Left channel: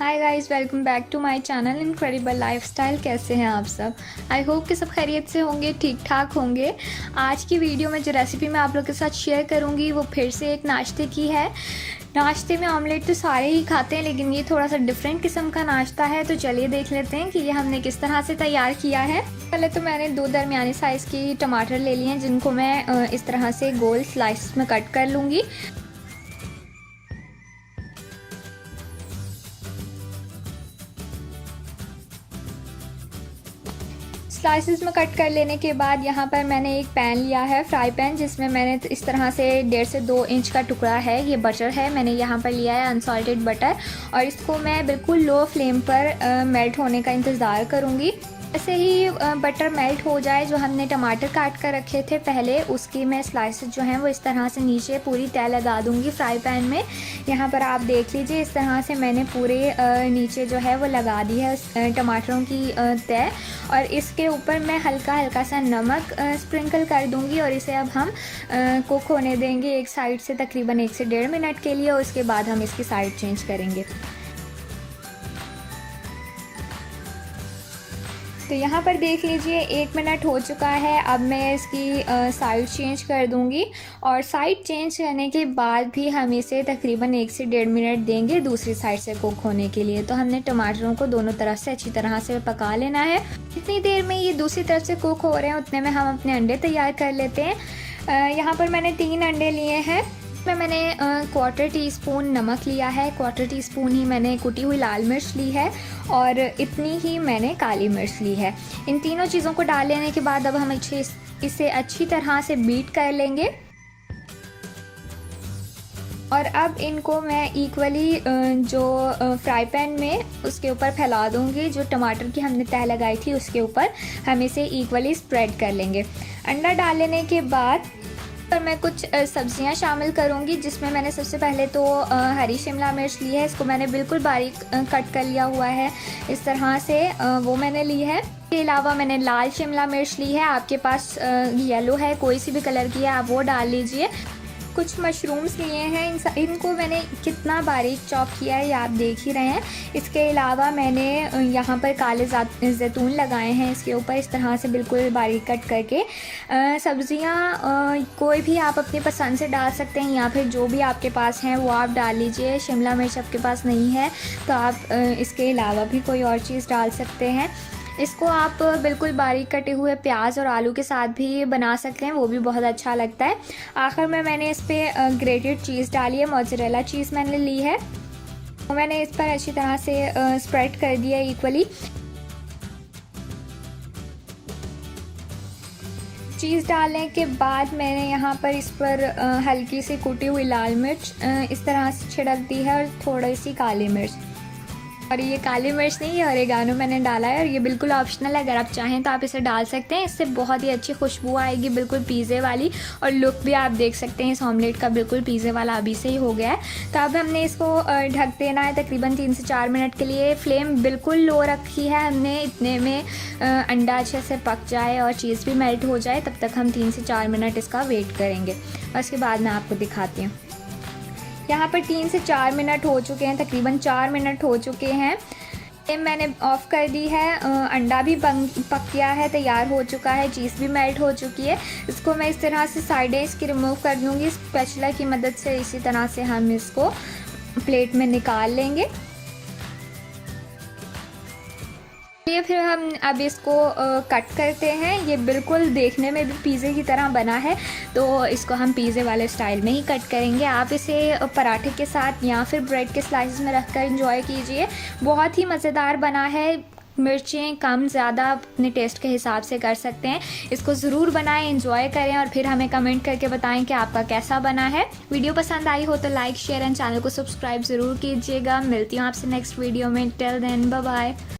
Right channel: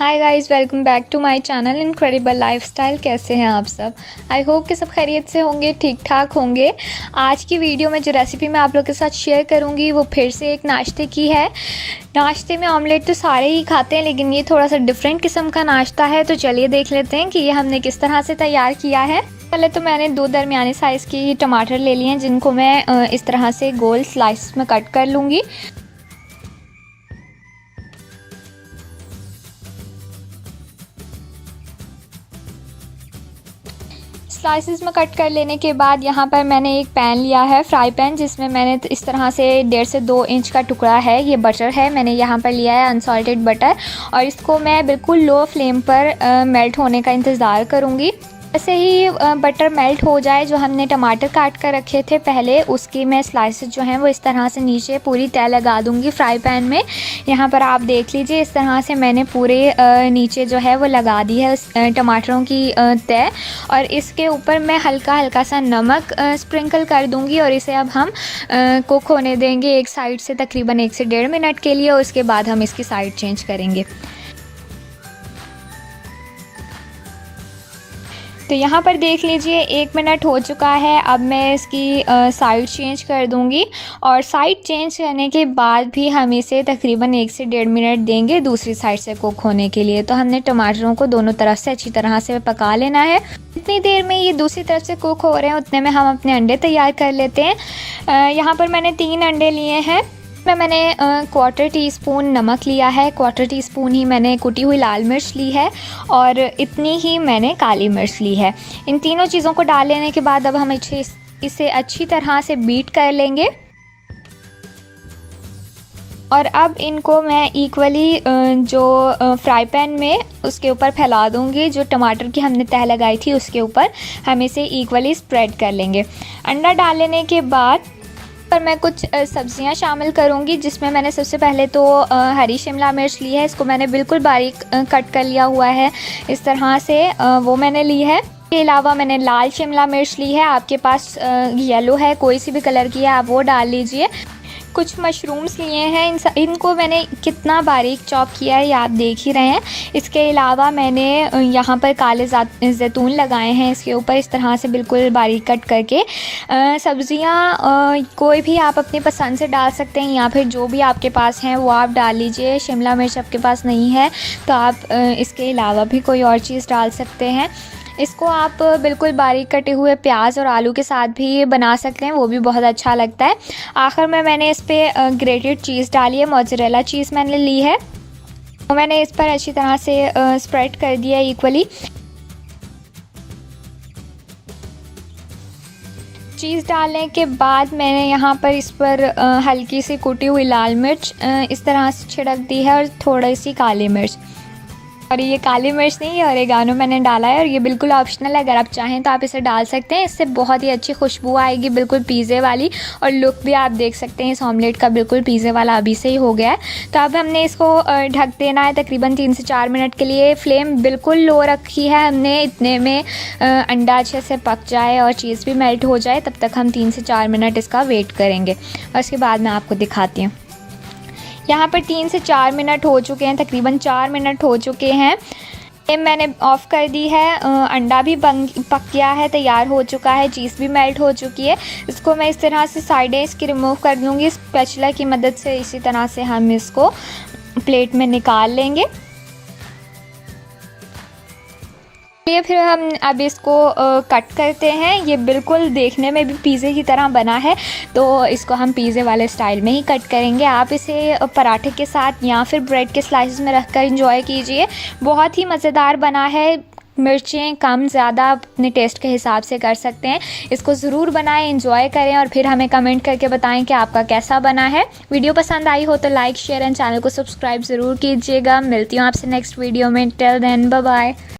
Hi guys, welcome back to my channel incredible lifestyle. कैसे हैं आप सब? आई होप कि सब खैरियत से होंगे, ठीक ठाक होंगे। आज की वीडियो में जो रेसिपी मैं आप लोगों के साथ शेयर करूंगी वो फिर से एक नाश्ते की है। नाश्ते में ऑमलेट तो सारे ही खाते हैं, लेकिन ये थोड़ा सा डिफरेंट किस्म का नाश्ता है। तो चलिए देख लेते हैं कि ये हमने किस तरह से तैयार किया है। पहले तो मैंने 2 दरमियाने साइज़ की टमाटर ले लिए हैं, जिनको मैं इस तरह से गोल स्लाइस में कट कर लूँगी। स्लाइसिस में कट कर लेने के बाद यहाँ पर मैंने एक पैन लिया है, फ्राई पैन, जिसमें मैंने इस तरह से 1.5 से 2 इंच का टुकड़ा है। ये बटर है, मैंने यहाँ पर लिया है अनसॉल्टेड बटर, और इसको मैं बिल्कुल लो फ्लेम पर मेल्ट होने का इंतज़ार करूँगी। ऐसे ही बटर मेल्ट हो जाए, जो हमने टमाटर काट कर रखे थे पहले, उसकी मैं स्लाइसेस जो हैं वो इस तरह से नीचे पूरी तय लगा दूंगी फ्राई पैन में। यहाँ पर आप देख लीजिए, इस तरह से मैंने पूरे नीचे जो है वो लगा दी है उस टमाटरों की तय। और इसके ऊपर मैं हल्का हल्का सा नमक स्प्रिंकल कर दूंगी, और इसे अब हम कुक होने देंगे एक साइड से तकरीबन 1 से 1.5 मिनट के लिए। और उसके बाद हम इसकी साइड चेंज करेंगे। तो यहाँ पर देख लीजिए 1 मिनट हो चुका है। अब मैं इसकी साइड चेंज कर दूँगी, और साइड चेंज करने के बाद भी हम इसे तकरीबन 1 से 1.5 मिनट देंगे दूसरी साइड से कुक होने के लिए। तो हमने टमाटरों को दोनों तरफ से अच्छी तरह से पका लेना है। इतनी देर में ये दूसरी तरफ से कुक हो रहे हैं, उतने में हम अपने अंडे तैयार कर लेते हैं। यहाँ पर मैंने 3 अंडे लिए हैं। मैंने 1/4 टीस्पून नमक लिया है, 1/4 टीस्पून ही मैंने कुटी हुई लाल मिर्च ली है, और इतनी ही मैंने काली मिर्च ली है। इन तीनों चीज़ों को डाल लेने के बाद अब हम इसे अच्छी तरह से बीट कर लेंगे। और अब इनको मैं इक्वली जो फ्राई पैन में उसके ऊपर फैला दूंगी। जो टमाटर की हमने तह लगाई थी उसके ऊपर हम इसे इक्वली स्प्रेड कर लेंगे। अंडा डाल लेने के बाद पर मैं कुछ सब्जियां शामिल करूंगी, जिसमें मैंने सबसे पहले तो हरी शिमला मिर्च ली है। इसको मैंने बिल्कुल बारीक कट कर लिया हुआ है इस तरह से, वो मैंने ली है। इसके अलावा मैंने लाल शिमला मिर्च ली है। आपके पास येलो है, कोई सी भी कलर की है, आप वो डाल लीजिए। कुछ मशरूम्स लिए हैं, इनको मैंने कितना बारीक चॉप किया है ये आप देख ही रहे हैं। इसके अलावा मैंने यहाँ पर काले जैतून लगाए हैं इसके ऊपर, इस तरह से बिल्कुल बारीक कट करके। सब्ज़ियाँ कोई भी आप अपनी पसंद से डाल सकते हैं, या फिर जो भी आपके पास हैं वो आप डाल लीजिए। शिमला मिर्च आपके पास नहीं है तो आप इसके अलावा भी कोई और चीज़ डाल सकते हैं। इसको आप बिल्कुल बारीक कटे हुए प्याज और आलू के साथ भी बना सकते हैं, वो भी बहुत अच्छा लगता है। आखिर में मैंने इस पर ग्रेटेड चीज़ डाली है, मोज़रेला चीज़ मैंने ली है, तो मैंने इस पर अच्छी तरह से स्प्रेड कर दिया इक्वली। चीज़ डालने के बाद मैंने यहाँ पर इस पर हल्की सी कुटी हुई लाल मिर्च इस तरह से छिड़क दी है, और थोड़ी सी काली मिर्च। और ये काली मिर्च नहीं, ये ओरेगानो मैंने डाला है, और ये बिल्कुल ऑप्शनल है। अगर आप चाहें तो आप इसे डाल सकते हैं, इससे बहुत ही अच्छी खुशबू आएगी, बिल्कुल पिज़्ज़े वाली। और लुक भी आप देख सकते हैं इस ऑमलेट का, बिल्कुल पिज़्ज़े वाला अभी से ही हो गया है। तो अब हमने इसको ढक देना है तकरीबन 3 से 4 मिनट के लिए। फ्लेम बिल्कुल लो रखी है हमने, इतने में अंडा अच्छे से पक जाए और चीज़ भी मेल्ट हो जाए, तब तक हम 3 से 4 मिनट इसका वेट करेंगे। और उसके बाद मैं आपको दिखाती हूँ। यहाँ पर 3 से 4 मिनट हो चुके हैं, तकरीबन 4 मिनट हो चुके हैं। मैंने ऑफ़ कर दी है, अंडा भी पक गया है, तैयार हो चुका है, चीज़ भी मेल्ट हो चुकी है। इसको मैं इस तरह से साइडें इसकी रिमूव कर लूँगी स्पैचुला की मदद से। इसी तरह से हम इसको प्लेट में निकाल लेंगे। ये फिर हम अब इसको कट करते हैं। ये बिल्कुल देखने में भी पिज़्ज़े की तरह बना है, तो इसको हम पिज़्ज़े वाले स्टाइल में ही कट करेंगे। आप इसे पराठे के साथ या फिर ब्रेड के स्लाइसेस में रखकर एंजॉय कीजिए, बहुत ही मज़ेदार बना है। मिर्चें कम ज़्यादा अपने टेस्ट के हिसाब से कर सकते हैं। इसको ज़रूर बनाएं, एंजॉय करें, और फिर हमें कमेंट करके बताएं कि आपका कैसा बना है। वीडियो पसंद आई हो तो लाइक, शेयर एंड चैनल को सब्सक्राइब ज़रूर कीजिएगा। मिलती हूँ आपसे नेक्स्ट वीडियो में। Till then, bye bye.